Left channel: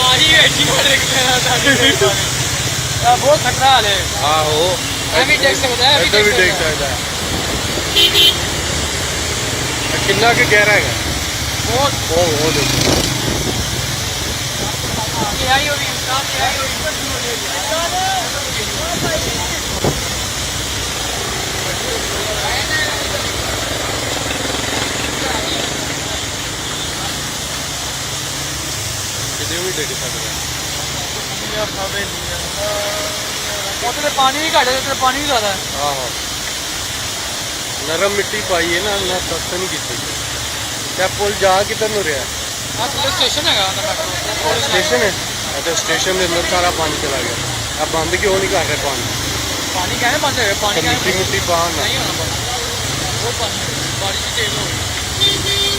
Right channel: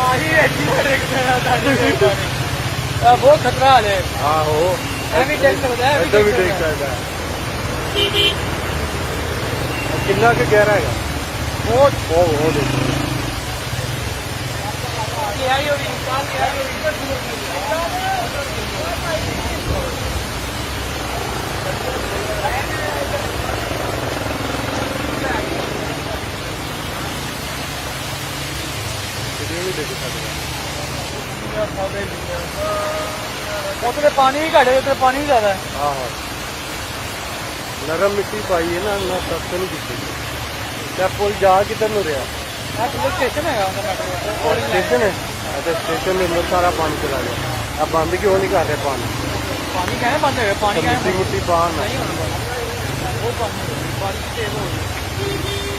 ਆਹੀ ਵੇਖੀ ਮਾਰੇ ਕਿਹੜਾ ਬਹੁਤ ਖਤਰਾ ਹਾਲ ਹੈ। ਆਹੋ ਇਹ ਵੀ ਦੇਖ ਸਕਦਾ ਹੈ, ਇੱਧਰ ਵੀ ਦੇਖ ਸਕਦਾ ਕਿੰਨਾ ਕਿ ਗਹਿਰਾ ਹੈਗਾ ਬਹੁਤ ਉਹ ਦੇਖੋ ਆਈ ਹੋਈ ਸਾਫ ਆਈ ਹੋਈ ਕਿਤੇ ਵੀ ਦੇਖ ਸਕਦਾ ਕਿਉਂਕਿ ਪਾਣੀ ਵੀ ਘੱਟ ਹੈ ਤੇ ਪਾਣੀ ਵੀ ਜ਼ਿਆਦਾ ਆਹੋ ਨਰਮ ਮਿੱਟੀ ਪਾਈ ਹੈ ਨਾ ਸਖਤ ਨਹੀਂ ਕੀਤੀ ਤੇ ਪੁਲ ਜਾ ਕਿੱਧਰ ਨੂੰ ਰਿਹਾ ਆਹ ਥੱਲੇ ਸਟੇਸ਼ਨ ਹੈਗਾ ਉਹਦਾ ਮੈਟਰੋ ਸਟੇਸ਼ਨ ਹੈ ਅਤੇ ਸਟੇਸ਼ਨ ਦੇ ਅੰਦਰ ਸਾਰਾ ਪਾਣੀ ਚਲਾ ਗਿਆ ਆ ਬੰਦ ਕਿਉਂ ਨਹੀਂ ਕਰ ਰਹੇ ਪਾਣੀ ਪਾਣੀ ਕਹਿੰਦੇ ਬੰਦ ਹੋ ਗਿਆ ਪਾਣੀ ਮਿੱਟੀ ਮੁੱਟੀ ਪਾਣ ਨਾ ਨਹੀਂ ਹੋਣਾ ਉਹ ਪਾਣੀ ਬਾਰਿਸ਼ ਤੇਜ਼ ਹੋ ਗਈ